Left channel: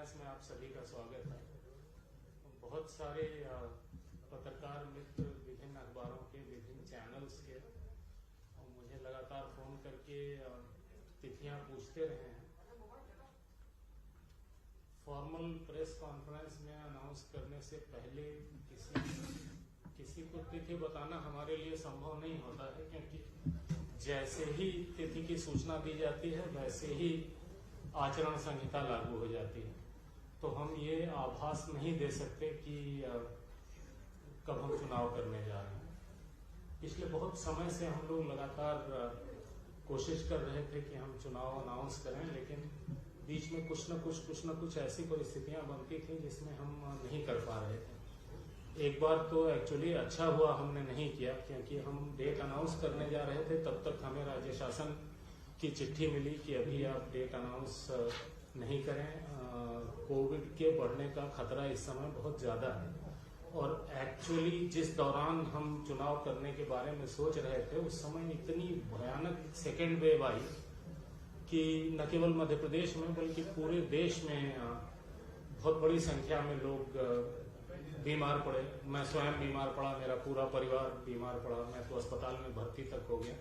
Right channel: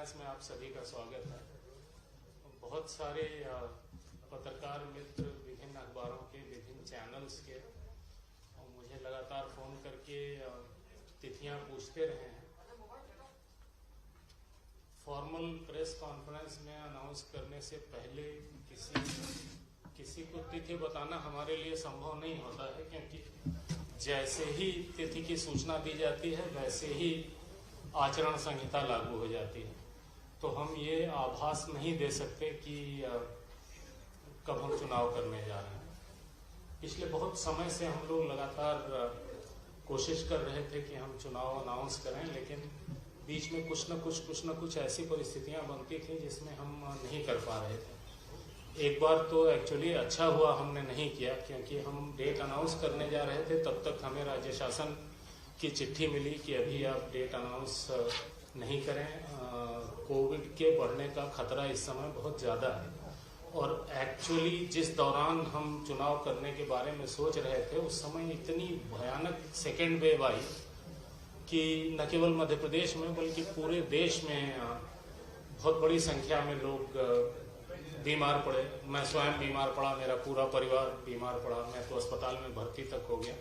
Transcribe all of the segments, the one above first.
Conference में आप सभी का स्वागत है। बहुत सारे पत्रकार मित्र विभिन्न अखबारों के, विभिन्न चैनल्स के मुझे लगातार फोन करके तिथियां पूछते रहे हैं। फॉर्मल प्रेस कॉन्फ्रेंस में अनाउंस करने से पहले किसी को तिथि बताना हमारे लिए संभव नहीं होता है, क्योंकि जैसे ही तिथि की सूचना दी जाती है वैसे ही आचरण संहिता लागू हो जाती है। तो हम ये आभास नहीं दे सकते कि कब हम चुनाव करने जा रहे हैं। पिछले बहुत समय से हम लोग लगातार कोशिश कर रहे थे कि हम चुनाव अनाउंस करें, लेकिन बीच में कुछ न कुछ ऐसी परिस्थितियां बनती थी जिसमें हम नहीं कर पा रहे थे। एक बार तो एक्चुअली अच्छा हुआ हमने नहीं किया, क्योंकि हम डेट अनाउंस करने जा रहे थे, तब तक हमें राज्य शासन की चिट्ठी मिली कि अभी आप डेट अनाउंस नहीं करें, कोविड के बढ़ने का खतरा इस समय बहुत ज़्यादा है। और एक्चुअली जिस दौरान हम चुनाव करने के बारे में सोच रहे थे, उस समय इतनी भयानक सेकेंड वेव आई कि न केवल मध्य प्रदेश में बल्कि पूरे देश में बहुत बड़ी संख्या में लोग बीमार पड़े। मैं स्वयं बीमार पड़ा, मेरा पूरा परिवार बीमार पड़ा, मैं तो अस्पताल में भर्ती तक हो गया।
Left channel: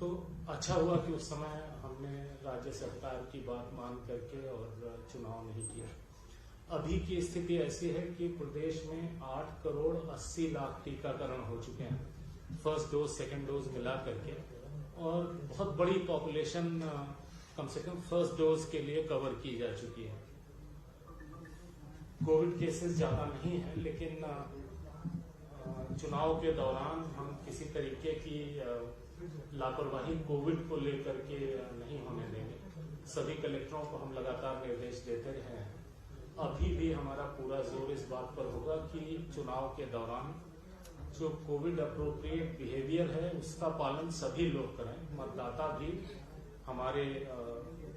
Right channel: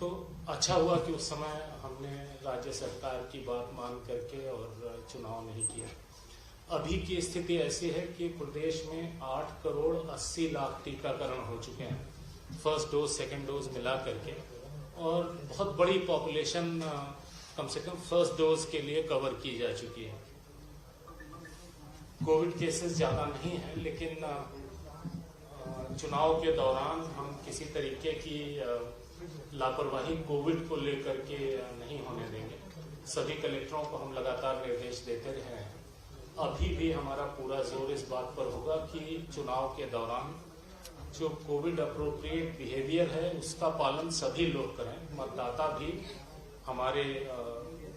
तो अच्छा हुआ कि उस समय हमने राज्य सरकार की बात मान करके और चुनाव नहीं किया। अभी की स्थिति ऐसी है कि प्रदेश में 8 करोड़ 80 लाख टीकाकरण हो चुके हैं, फर्स्ट डोज सेकेंड डोज मिला करके, और बहुत बड़ी पॉपुलेशन कम से कम फर्स्ट डोज के लिए कवर की जा चुकी है। कोविड केसेस ज्यादा नहीं है, लेकिन चुनाव के दौरान हम किसी तरीके की लापरवाही कोविड को लेकर के नहीं होने देंगे। सभी कलेक्टरों को हम लगातार निर्देश देते रहे हैं। अभी भी हमारा पूरा जोर इस बात पर होगा कि चुनाव के दौरान जो कोविड अप्रोप्रिएट बिहेवियर है उसका पालन सभी लोग करें, मतदाता भी, हमारे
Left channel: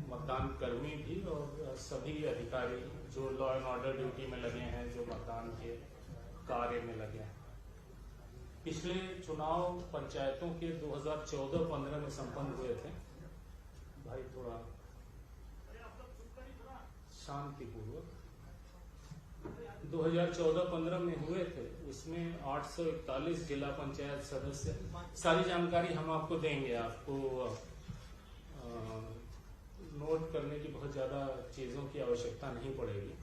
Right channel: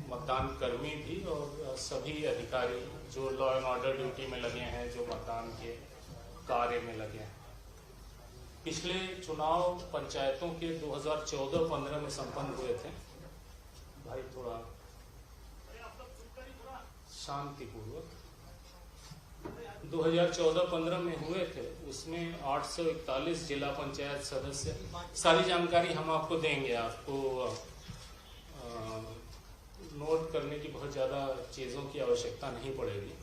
मतदान कर्मी भी और सभी अधिकारी जो लॉ एंड ऑर्डर ड्यूटी में लगे हैं, जो मतदान के कार्य में लगे हैं। पिछले चुनाव पंचायतों के 2014-15 में संपन्न हुए थे। भाई थोड़ा शांतिपूर्वक 2014-15 में हुए थे। उसमें 841 जिला पंचायत सदस्य, सारी जानकारी हम आपको देंगे। आपको नोट करने की बहुत ज्यादा चीजों की आवश्यकता नहीं पड़ेगी,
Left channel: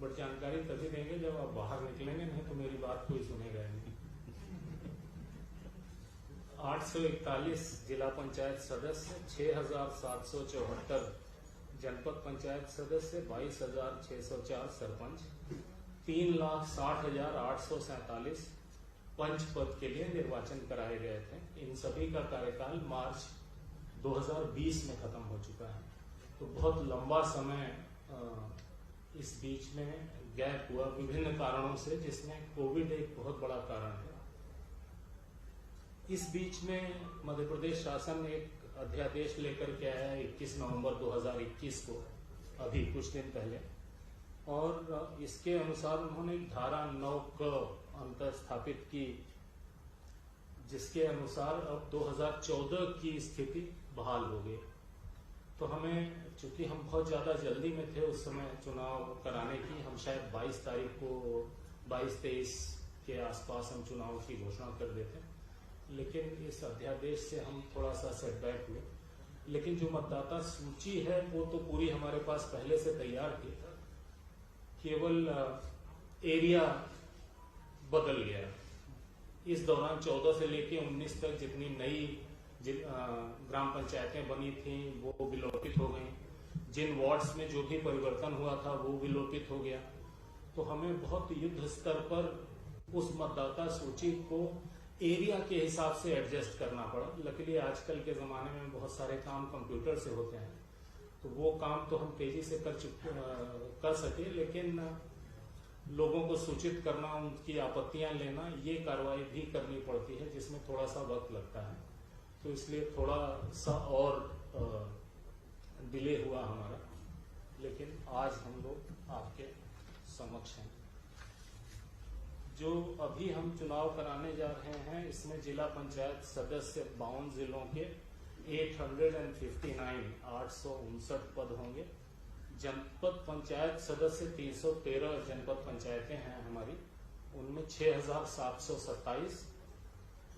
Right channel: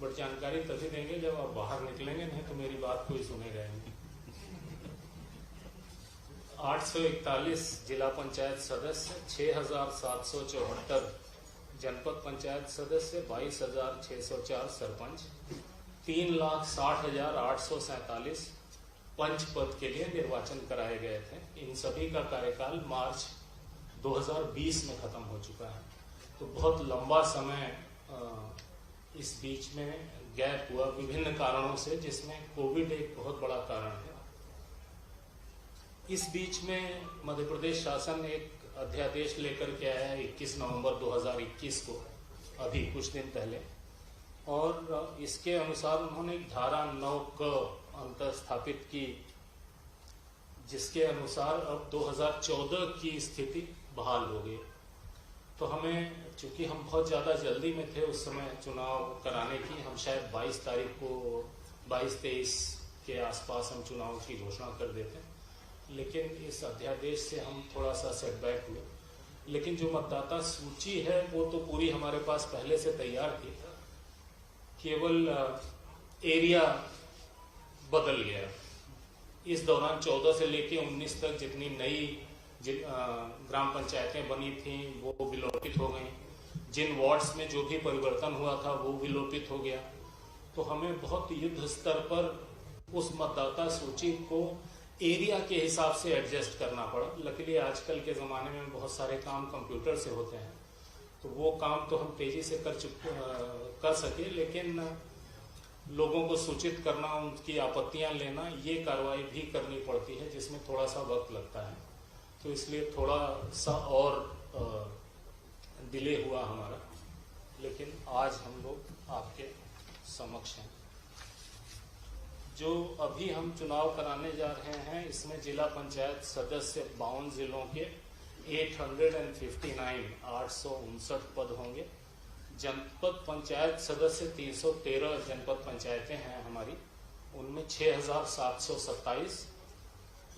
बट जानकारी तभी देंगे जब आप बाहर निकलेंगे, नहीं तो मेरी बात कोई सुने रहेंगे। 841 जिला पंचायत सदस्य, 6774 जनपद पंचायत सदस्य, 22,604 सरपंच, 3,60,847 पंच पद के लिए निर्वाचन कराए गए थे। इन सभी का कार्यकाल मार्च 2020 में खत्म हो चुका है। तो बहुत लंबा समय इस बीच में गैप हुआ विभिन्न कारणों से, जिसमें कोविड एक बहुत बड़ा कारण है। इस बीच में मध्य प्रदेश शासन एक अध्यादेश लेकर के आया है 21 नवंबर 2021 को, अभी कुछ दिन पहले, और इसके अनुसार उन्होंने धारा 9 क अंतर स्थापित की, जिसके अनुसार अब 2014 की स्थिति बहाल हो गई। तो हमें, चूंकि हम बहुत ज्यादा जल्दी में थे उस समय चुनाव कराने की, हम शायद 22 तारीख को 22-23 के आसपास हम चुनाव की घोषणा कर देते, लेकिन इस अध्यादेश से हम थोड़ा सा सेटबैक हुए। लेकिन जो मतदाता सूची है वो तो पूरी हमारे पास पहले से तैयार थी, केवल एरिया बदल गया। इस दौरान 14 से लेके 19 तक जितनी नई ग्राम पंचायतें बनी थी वो विलोपित हो गई। जिन वार्ड्स में जो भी परिवर्तन हुआ था वो विलोपित हो गया। तो हमें बहुत युद्ध स्तर पर उस मतदाता सूची को एरिया के हिसाब से एडजस्ट करना पड़ा। लकीली आजकल के जमाने में बहुत सारे काम कंप्यूटर से होते हैं, तो वो काम तो हम तेजी से कर सके, लेकिन लोगों को सूचित करना, उनकी आपत्तियां लेना, ये कार्रवाई भी करनी पड़ती है, जिसमें थोड़ा सा वक्त लगता है। तो इसलिए थोड़ा सा और डिले हुआ हमारा, लेकिन आज हम लोग आपके समक्ष हैं। जो अभी हम चुनाव कराने जा रहे हैं, इसमें जिला पंचायत सदस्य 52 जिलों के 859 पद होंगे। जनपद पंचायत सदस्य 313 जनपद पंचायतें हैं हमारी, उनमें 6,727,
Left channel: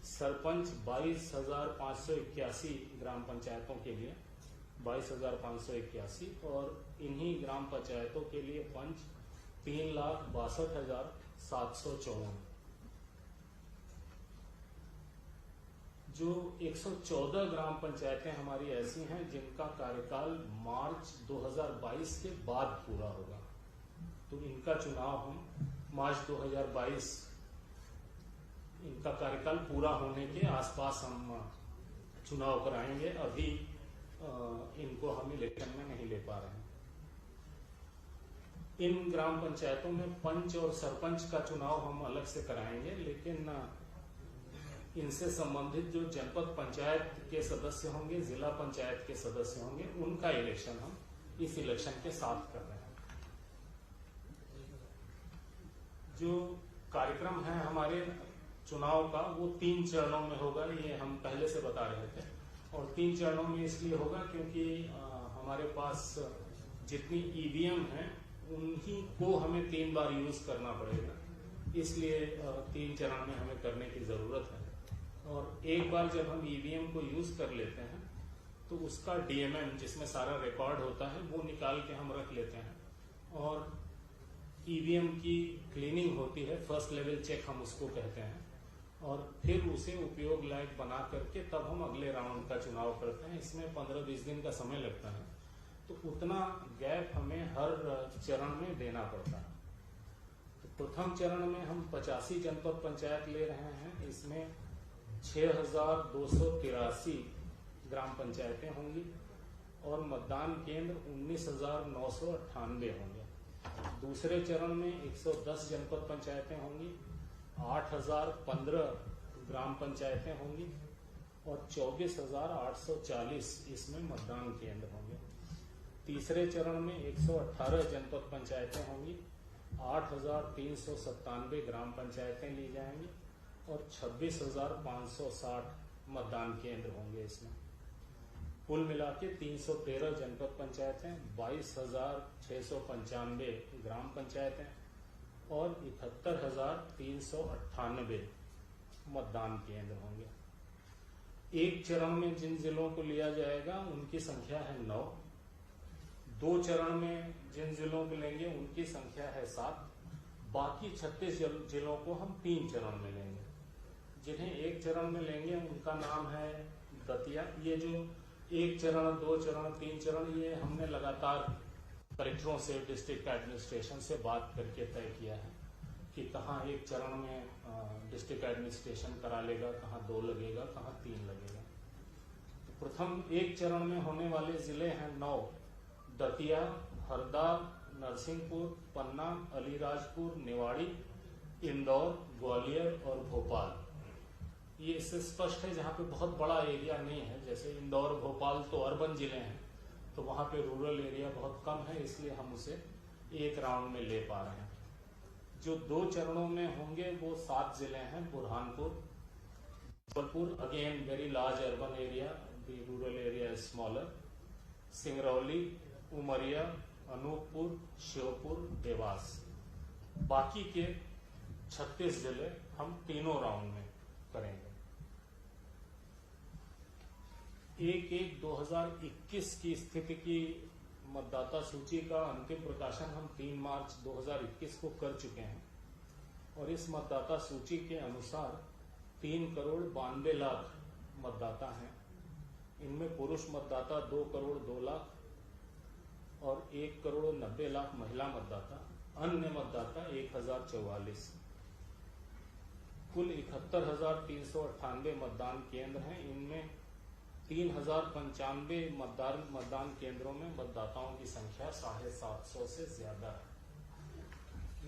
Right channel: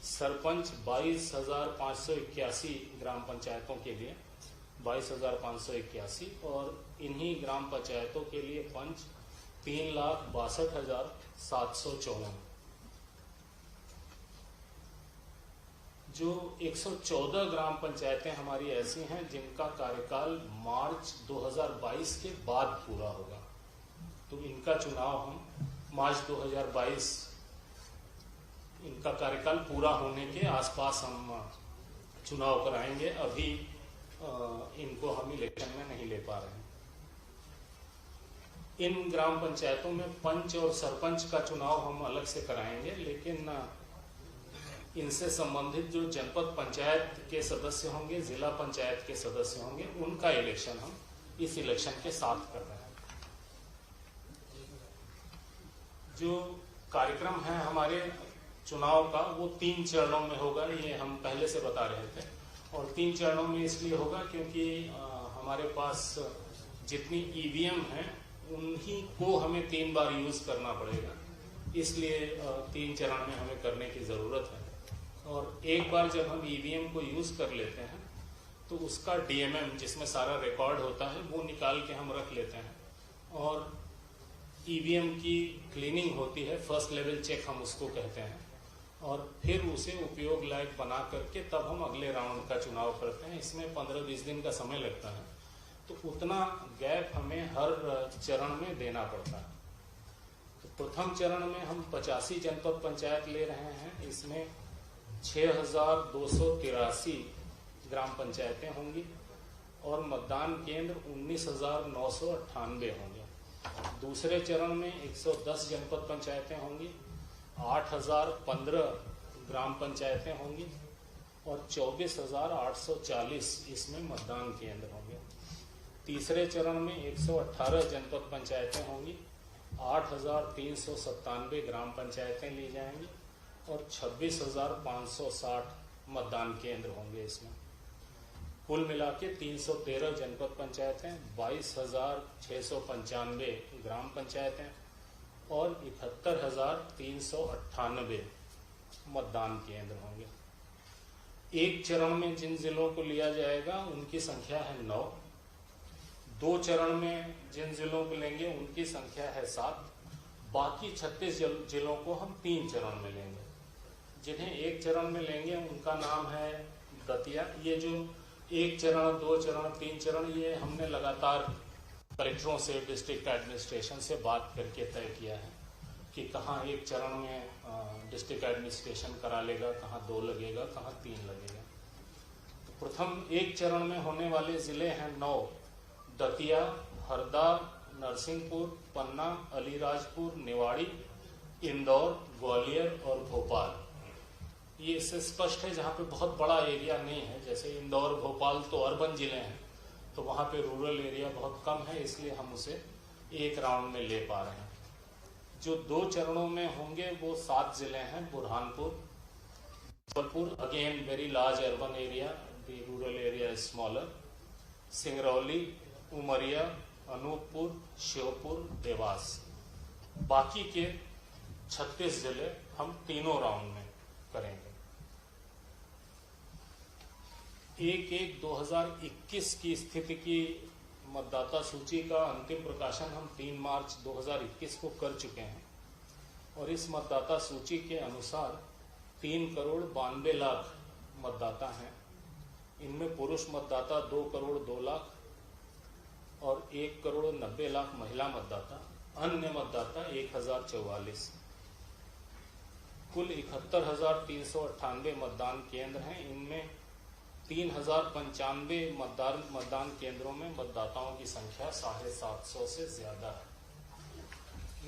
सरपंच 22,581 ग्राम पंचायतों के लिए 22,581, और इन्हीं ग्राम पंचायतों के लिए पंच 3,62,754। जो 114 ग्राम पंचायतें हमारी ऐसी हैं जिनका कार्यकाल मार्च 2022 के बाद पूरा होगा, तो इनका चुनाव हम मार्च 2022 इनका कार्यकाल पूरा होने के आसपास हम चुनाव कराएंगे। अभी इनको हम इलेक्शन में नहीं ले पा रहे हैं। इन ग्राम पंचायतों में पंच और सरपंच का चुनाव हम अलग से कराएंगे, लेकिन इनसे संबंधित जो जनपद पंचायत के सदस्य होंगे, जिला पंचायत के सदस्य होंगे, उनका इलेक्शन हम इस इलेक्शन के साथ कर रहे हैं। जो कार्यक्रम है हमारे चुनाव का वो 3 चरणों में होगा, ये हम पहले से बता रहे थे। और 3 चरणों में इसलिए होगा क्योंकि हमारे पास जितनी ईवीएम हैं उन्हीं को हमें 3 बार यूज करना पड़ेगा, इसलिए 3 चरण में हमें करने की जरूरत है। और एक बार जब हम ईवीएम को यूज कर लेते हैं तो उसका डीएमएम जिसमें सारा रिकॉर्ड होता है वो निकाल के हम रख लेते हैं, और ईवीएम की क्लीनिंग होती है, फर्स्ट लेवल चेक हम उसको कहते हैं, और फिर उसे उपयोग लायक बना करके तब हम अगले राउंड का चुनाव करते हैं। इसमें 15-20 दिन का समय लगता है, तो उतना गैप हमें हर चरण में देना पड़ता है। तो प्रथम चरण में हम 85 जनपद पंचायत ले रहे हैं, इसमें 6,283 ग्राम पंचायतें होंगी और मतदान केंद्र 19,998 होंगे। दूसरे चरण में 110 जनपद पंचायतें होंगी, 8,015 ग्राम पंचायतें होंगी और 24,840 इसमें मतदान केंद्र होंगे। तीसरे चरण में 118 जनपद पंचायतें होंगी, 8,397 ग्राम पंचायतें ली जाएंगी और 26,560 मतदान केंद्र होंगे। इसमें कुल मिला के 313 जनपद पंचायतें, 22,695 ग्राम पंचायतें और 71,398 मतदान केंद्र होंगे। एक चरण में जिन जिलों को लिया जाएगा उनकी संख्या है 9, 2 चरण में जिन जिलों को लेंगे उनकी संख्या है 7, बाकी 36 जिलों को हम 3 चरण में लेंगे। जिन्हें एक चरण में लेंगे उनका नाम है दतिया। ये जो 1 चरण, 2 चरण, 3 चरण, ये हमने लगातार कलेक्टरों से, डिस्ट्रिक्ट एडमिनिस्ट्रेशन से बात करके तय किया है कि कहाँ 1 चरण में डिस्ट्रिक्ट एडमिनिस्ट्रेशन करा लेगा, कहाँ 2 लगेगा, कहाँ 3 लगेगा। तो प्रथम 1 चरण में होने वाले जिले हैं 9, दतिया, हरदा, नरसिंहपुर, पन्ना, अलीराजपुर, निवाड़ी, इंदौर, ग्वालियर और भोपाल। ये इससे स्पष्ट है जहाँ पे बहुत बड़ा एरिया नहीं है, जैसे इंदौर, भोपाल तो अर्बन जिले हैं, तो वहाँ पे रूरल एरिया बहुत कम है, इसलिए हम उसे 1 राउंड में ले पा रहे हैं। जो 2 चरणों में होंगे वो 7 जिले हैं, Burhanpur, Jabalpur, again very large urban area, the rural area is smaller, Singrauli, Umaria, Anuppur, Sheopur, Dewas. बाकी के 36 जिले हम तीनों राउंड में करेंगे। 1/1/2021 की स्थिति की मतदाता सूची का अंतिम प्रकाशन हम 3 मार्च 2021 को कर चुके हैं और इस मतदाता सूची के अनुसार 3,92,00,000 मतदाता हैं। इनमें पुरुष मतदाता 2,02,00,000 और 1,90,00,000 महिला मतदाता, अन्य मतदाता 1,044। कुल 71,398 मतदान केंद्र हैं। इनमें 3,095 मतदान केंद्रों में मतदाताओं की संख्या 750 से ज्यादा है।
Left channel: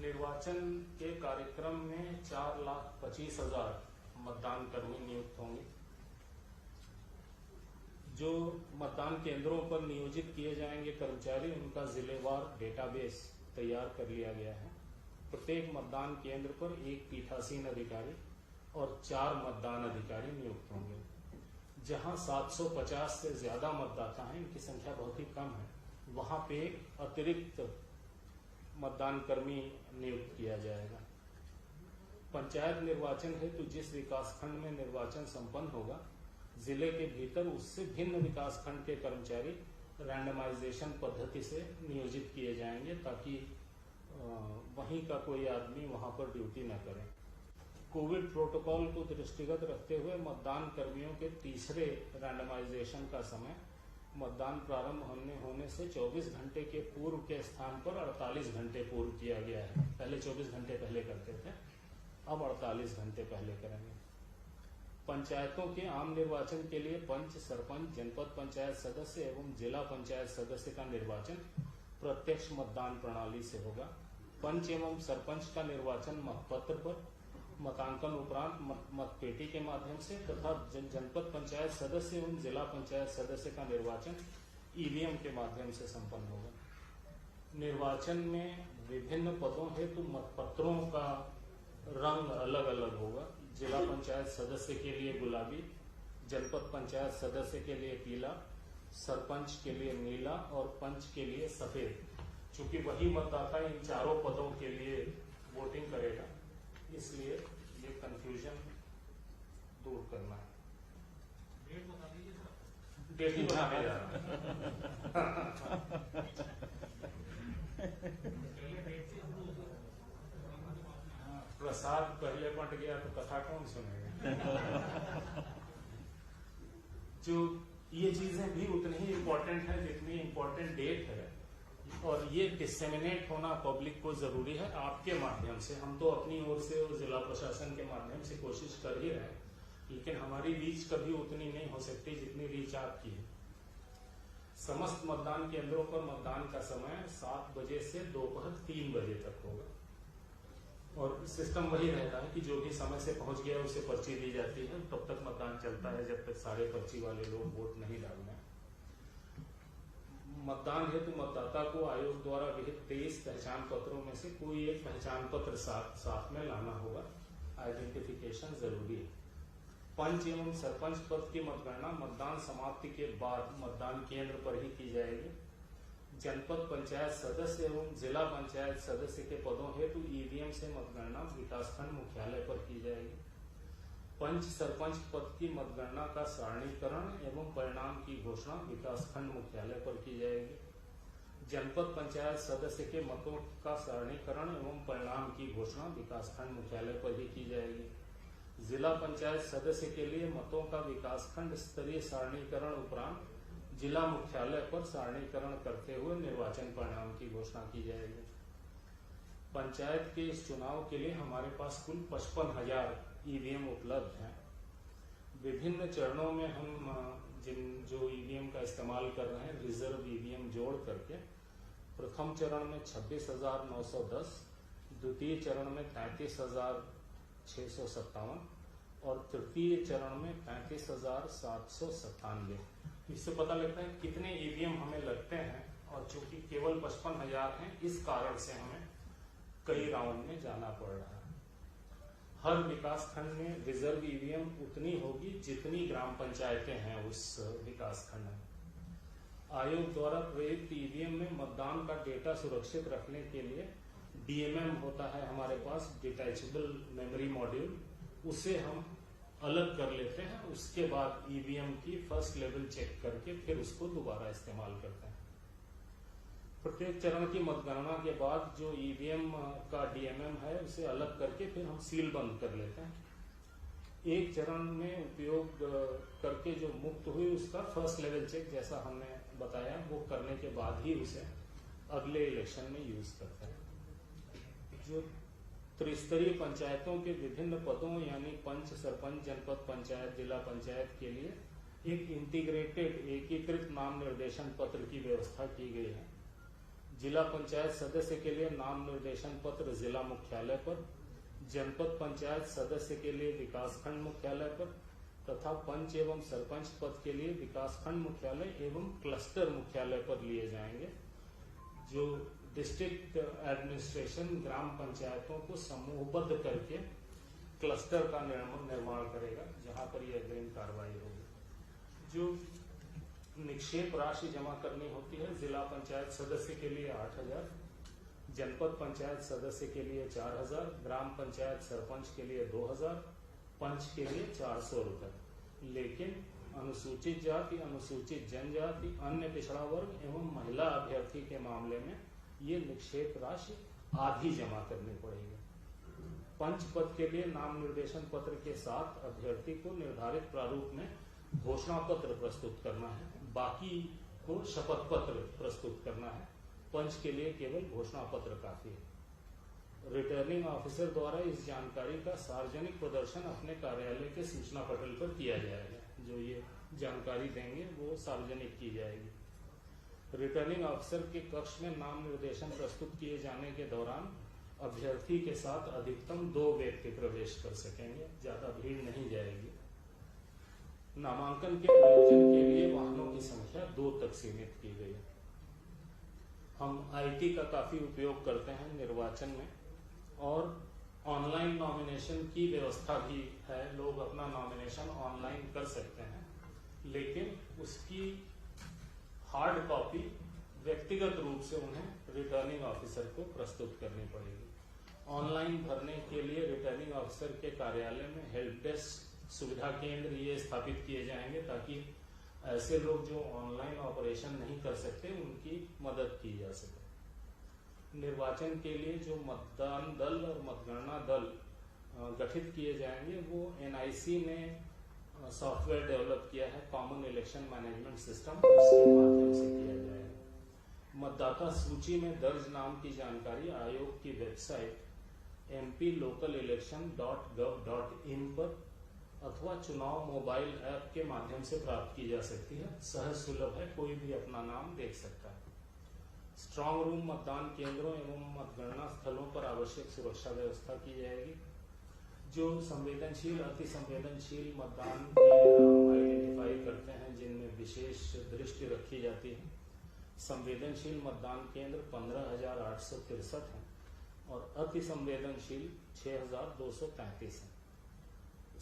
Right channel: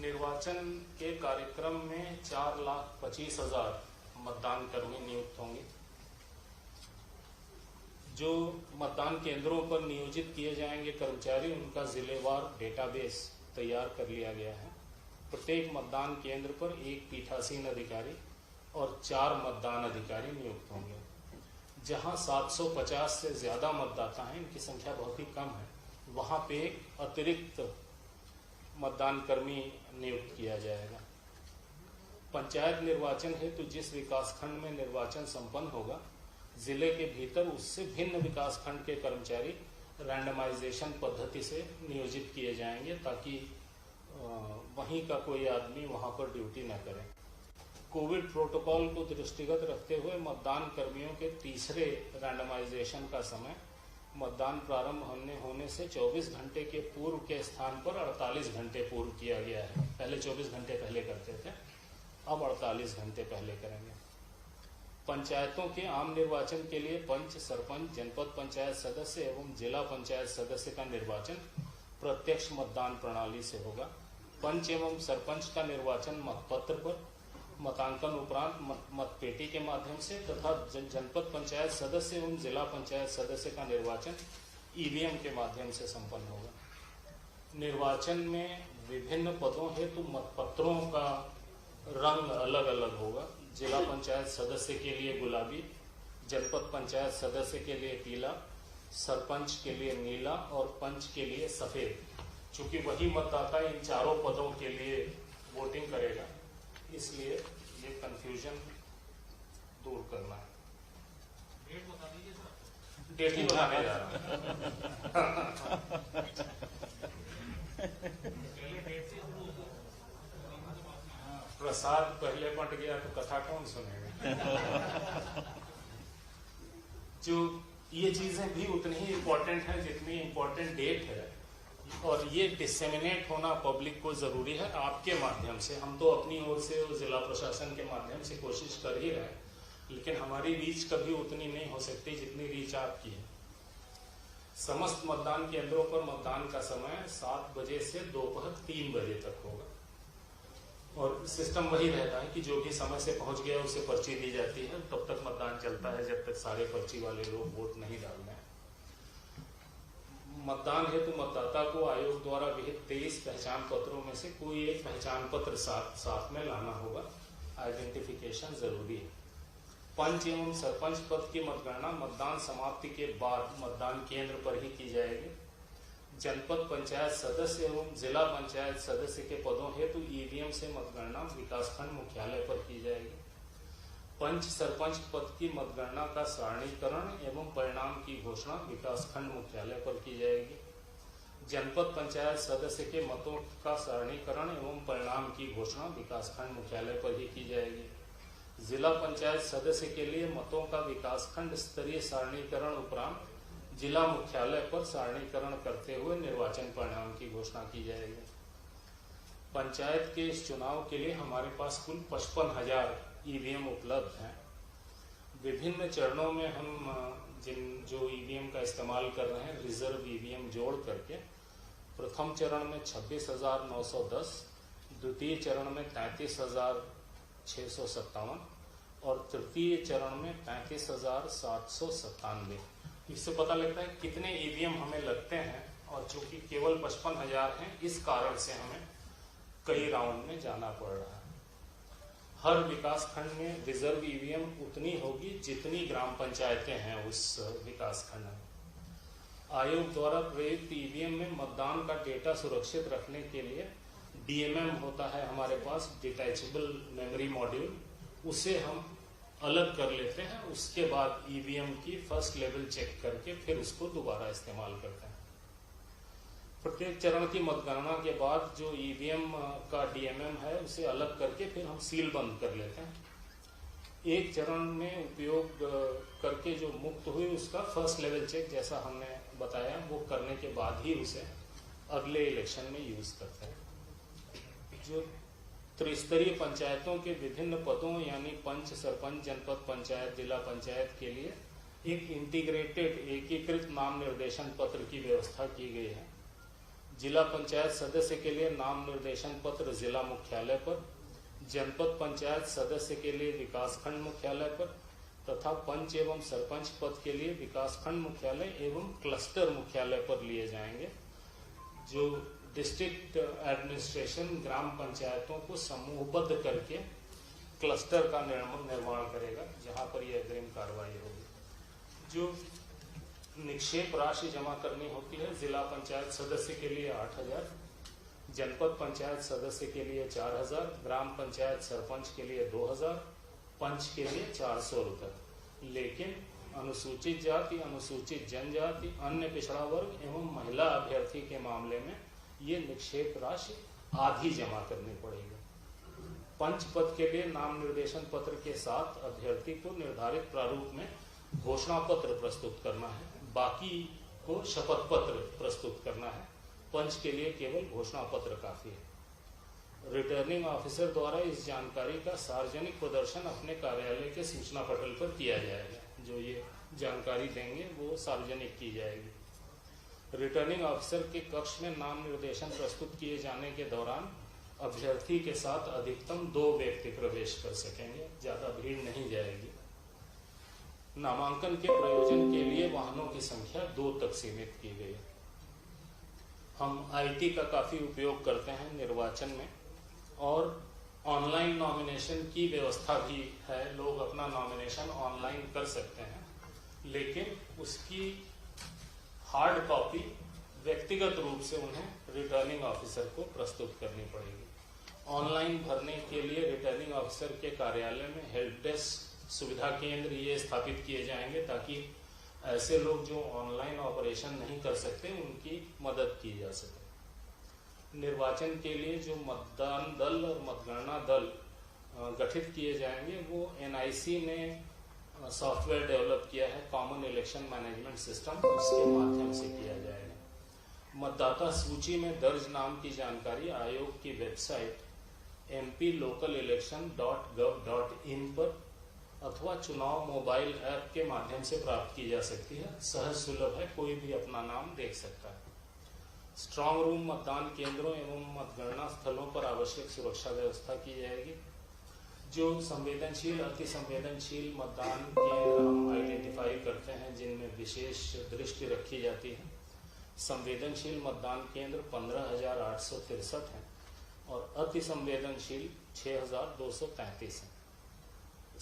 निर्वाचन के कार्यक्रम में 4,25,000 मतदान कर्मी नियुक्त होंगे। जो मतदान केंद्रों पर नियोजित किए जाएंगे कर्मचारी, उनका जिलेवार डेटाबेस तैयार कर लिया गया है। प्रत्येक मतदान केंद्र पर 1 पीठासीन अधिकारी और 4 मतदान अधिकारी नियुक्त होंगे। जहां 750 से ज्यादा मतदाता हैं, इनकी संख्या बहुत ही कम है, वहाँ पे एक अतिरिक्त मतदान कर्मी नियुक्त किया जाएगा। पंचायत निर्वाचन हेतु जिस विकासखंड में निर्वाचन संपन्न होगा, जिले के भीतर उससे भिन्न विकासखंड के कर्मचारी रैंडमाइजेशन पद्धति से नियोजित किए जाएंगे, ताकि वहीं का कोई आदमी वहां पर ड्यूटी न करे। कोविड प्रोटोकॉल को दृष्टिगत रखते हुए मतदान कर्मियों के तीसरे रैंडमाइजेशन का समय मतदान प्रारंभ होने से 24 घंटे के पूर्व के स्थान पर 48 घंटे पूर्व किया गया है। पहले 24 घंटे पहले करते थे, अब 48 घंटे पहले करेंगे। पंचायतों के आम निर्वाचन के लिए पंच, सरपंच, जनपद पंचायत सदस्य एवं जिला पंचायत सदस्य का निर्वाचन प्रत्यक्ष मतदान प्रणाली से होगा। पंच एवं सरपंच का निर्वाचन मतपत्र पर मतांकन उपरांत मतपेटी के माध्यम से तथा जनपद पंचायत सदस्य एवं जिला पंचायत सदस्य का निर्वाचन ईवीएम के माध्यम से संपन्न होगा। निर्वाचन में विभिन्न पदों हेतु मतपत्रों का रंग अलग अलग होगा। जिला पंचायत सदस्य के लिए गुलाबी, जनपद पंचायत सदस्य के लिए पीला, सरपंच के लिए नीला और पंच के लिए सफेद। चूंकि वही मतदाता इन चारों पदों के लिए वोटिंग करेगा, इसलिए ये कंफ्यूजन दूर करना है। डेट ही बताने जा रहा प्रसाद पहले बंट गया तो कथा कौन सुनेगा। जो ये चीजें भी उतनी ही इम्पोर्टेंट है जितनी इम्पोर्टेंट डेट है, और ये डिसेमिनेट होना पब्लिक को जरूरी है आपके माध्यम से। हम तो अपनी ओर से और जिला प्रशासन के माध्यम से कोशिश कर ही रहे हैं, लेकिन हमारी रीच कभी उतनी नहीं हो सकती जितनी रीच आपकी है। समस्त मतदान केंद्रों पर मतदान का समय 7 बजे से दोपहर 3 बजे तक होगा, और सिस्टम वही रहता है कि जो भी समय से पहुंच गया उसे पर्ची दी जाती है। तब तक मतदान चलता है जब तक सारे पर्ची वाले लोग वोट नहीं डाल रहे हैं। मतदान हेतु मतदाता को आयोग द्वारा विहित 23 पहचान पत्रों में से कोई एक पहचान पत्र साथ में लाना होगा। आइडेंटिफिकेशन जरूरी है। पंच एवं सरपंच पद की मतगणना मतदान समाप्ति के बाद मतदान केंद्र पर ही की जाएगी। जनपद पंचायत सदस्य एवं जिला पंचायत सदस्य के पदों हेतु ईवीएम से मतगणना विकासखंड मुख्यालय पर की जाएगी। पंच सरपंच पद की मतगणना का सारणीकरण एवं परिणाम की घोषणा विकासखंड मुख्यालय पर की जाएगी। जनपद पंचायत सदस्य के मतों का सारणीकरण एवं परिणाम की घोषणा विकासखंड मुख्यालय पर ही की जाएगी। जिला पंचायत सदस्य के लिए मतों का विकासखंड स्तरीय सारणीकरण उपरांत जिला मुख्यालय पर सारणीकरण करते हुए निर्वाचन परिणाम की घोषणा की जाएगी। पंचायत के इस चुनाव के लिए हमारे पास कुल 55,000 ईवीएम उपलब्ध हैं। विभिन्न चरणों में हम जो ईवीएम का इस्तेमाल कर रहे हैं, रिजर्व ईवीएम जोड़ करके प्रथम चरण में 26,910, द्वितीय चरण में 33,657 और तृतीय चरण में 35,797। इससे पता लगता है कितने ईवीएम हमें लगते हैं, और चूंकि केवल 55,000 हैं, इस कारण से हमें कई राउंड में जाना पड़ रहा है। हर विकास खंड में रिजर्व ईवीएम उतनी होगी जितनी ग्राम पंचायतें हैं उस विकास खंड में। आयोग द्वारा प्रयुक्त ईवीएम में मतदान का डेटा सुरक्षित रखने के लिए डीएमएम होता है हमारे पास, डिटैचेबल मेमोरी मॉड्यूल, उसे हम अलग कर लेते हैं। उसके बाद ईवीएम की फर्स्ट लेवल चेक करके फिर उसको दोबारा इस्तेमाल करते हैं। प्रत्येक चरण की मतगणना के बाद जो ईवीएम का डीएमएम है उसे अलग करके फिर हम सील बंद कर लेते हैं। एक चरण में उपयोग करके जो मुक्त हुई उसका फर्स्ट लेवल चेक, जैसा हमने बताया, वो करने के बाद ही उसे अगले इलेक्शन में यूज करते हैं। जो त्रिस्तरीय पंचायतों के विभिन्न पदों यानी पंच, सरपंच, जनपद पंचायत, जिला पंचायत के लिए एक इंटीग्रेटेड एकीकृत नाम निर्देशन पत्र की व्यवस्था की गई है। जिला पंचायत सदस्य के लिए नाम निर्देशन पत्र जिला मुख्यालय पर, जनपद पंचायत सदस्य के लिए विकासखंड मुख्यालय पर तथा पंच एवं सरपंच पद के लिए विकासखंड मुख्यालय एवं क्लस्टर मुख्यालय पर लिए जाएंगे। जो डिस्ट्रिक्ट एडमिनिस्ट्रेशन ग्राम पंचायतों को समूहबद्ध करके क्लस्टर का निर्माण करेगा, जहां पर यह अग्रिम कार्रवाई होगी। जो निक्षेप राशि जमा करनी होती है। जिला पंचायत सदस्य के लिए 8,000, जनपद पंचायत सदस्य के लिए 4,000, ग्राम पंचायत सरपंच के लिए 2,000, पंच के लिए 400 रुपये। लेकिन अनुसूचित जाति, अनुसूचित जनजाति, अन्य पिछड़ा वर्ग एवं महिला अभ्यर्थी के मामले में ये निक्षेप राशि आधी जमा करनी पड़ेगी। पंच पद के लिए नाम निर्देशन पत्र के साथ अभ्यर्थी को निर्धारित प्रारूप में घोषणा पत्र प्रस्तुत करना है, बाकी को शपथ पत्र प्रस्तुत करना है। पंच के लिए केवल घोषणा पत्र काफी है। रिटर्निंग ऑफिसर द्वारा इस जानकारी का सार्वजनिक प्रदर्शन अपने कार्यालय के सूचना पटल पर किया जाएगा। जो ये जानकारी देंगे वो सार्वजनिक की जाएगी। रिटर्निंग ऑफिसर के कक्ष में नाम निर्देशन प्रस्तुत किए जाने के दौरान अभ्यर्थी के साथ अधिकतम 2 व्यक्ति प्रवेश कर सकेंगे, ज्यादा भीड़ नहीं जाएगी। नामांकन के प्रयोजन के लिए वाहनों की संख्या 2 तक सीमित की गई। हम आईटी का काफी उपयोग करते हैं निर्वाचन में, और ऑनलाइन नॉमिनेशन की व्यवस्था भी है। लोग अपना नॉमिनेशन ऑनलाइन कर सकते हैं, लेकिन उसकी हार्ड कॉपी व्यक्तिगत रूप से उन्हें रिटर्निंग ऑफिसर को प्रस्तुत करनी पड़ेगी। ऑनलाइन भरने के लिए रिटर्निंग ऑफिसर के कार्यालय में हेल्प डेस्क सुविधा केंद्र ये स्थापित किए जाएंगे, ताकि ऐसे लोग जो ऑनलाइन ऑपरेशन नहीं कर सकते उनकी मदद की जा सके। निर्वाचन के लिए जो मतदान दल और मतगणना दल गठित किए जाएंगे वो एनआईसी ने सॉफ्टवेयर डेवलप किया है, कॉमन इलेक्शन मैनेजमेंट सिस्टम, उसके माध्यम से किया जाएगा। मतदाता सूची में दर्ज नाम की जानकारी आयोग की वेबसाइट mplocalelection.gov.in पर अथवा चुनाव मोबाइल ऐप के माध्यम से प्राप्त की जा सकती है। सहज सुलभ है, कोई भी अपना नाम देख सकता है। स्ट्रांग रूम मतदान केंद्रों एवं मतगणना स्थलों पर आवश्यक सुरक्षा व्यवस्था की जाएगी। जो संवेदनशील, अति संवेदनशील मतदान केंद्र हम आइडेंटिफाई करते हैं, जिनमें विशेष दृष्टि रखी जाती है। संवेदनशील मतदान केंद्र 15,863 हैं और अति संवेदनशील 6,233 हैं।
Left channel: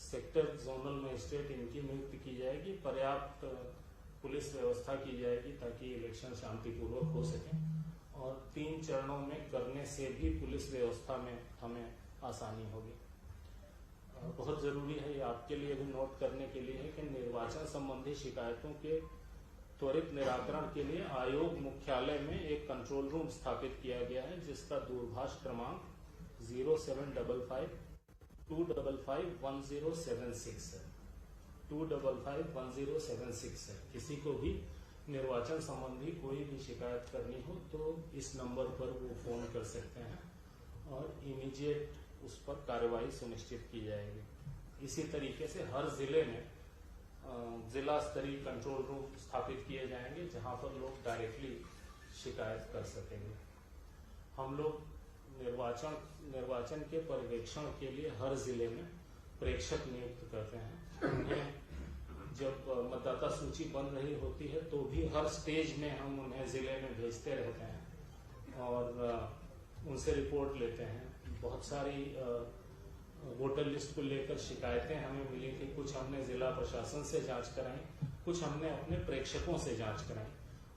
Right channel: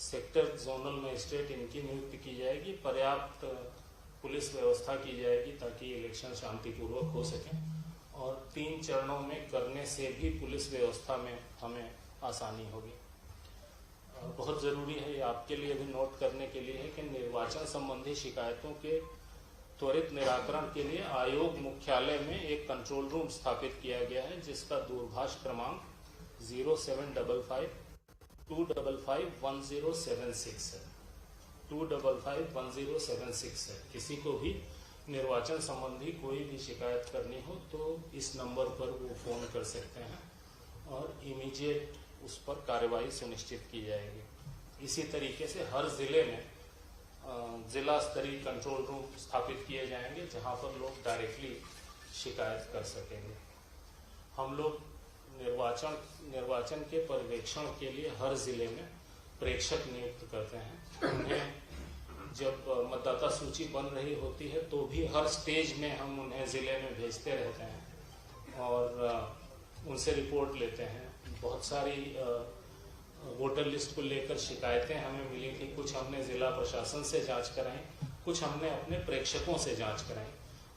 सेक्टर जोनल मजिस्ट्रेट इनकी नियुक्ति की जाएगी। पर्याप्त पुलिस व्यवस्था की जाएगी ताकि इलेक्शन शांतिपूर्वक हो सके, और 3 चरणों में करने से भी पुलिस व्यवस्था में हमें आसानी होगी। बहुत जरूरी है, ये आपके लिए भी नोट करने के लिए है कि निर्वाचन संबंधी शिकायतों के त्वरित निराकरण के लिए आयोग मुख्यालय में एक कंट्रोल रूम स्थापित किया गया है, जिसका दूरभाष क्रमांक 0755-255-1076 है। 255-1076 है। किसी को भी निर्वाचन संबंधी कोई भी शिकायत करनी हो तो इस नंबर पर वो फोन कर सकते हैं और इमीडिएट उस पर कार्रवाई सुनिश्चित की जाएगी। इसी तरीके से हर जिले में जिला स्तरीय कंट्रोल रूम स्थापित किए जाएंगे, जहां पर लोग डायरेक्टली शिकायत कर सकेंगे। हम लोग निर्वाचन के पर्यवेक्षण के लिए हर जिले में प्रेक्षक नियुक्त करते हैं। उन्हें जब मतदाता सूची बन रही होती है तो भी हर स्टेज में हम उन्हें जिले में भेजते रहते हैं और उनसे रिपोर्ट लेते हैं। बहुत सारी वोटर लिस्ट को लेकर शिकायतें हमें मिली थी, कुछ हमने जिला प्रशासन से जांच कराई, कुछ हमने अपने प्रेक्षकों से जांच कराई,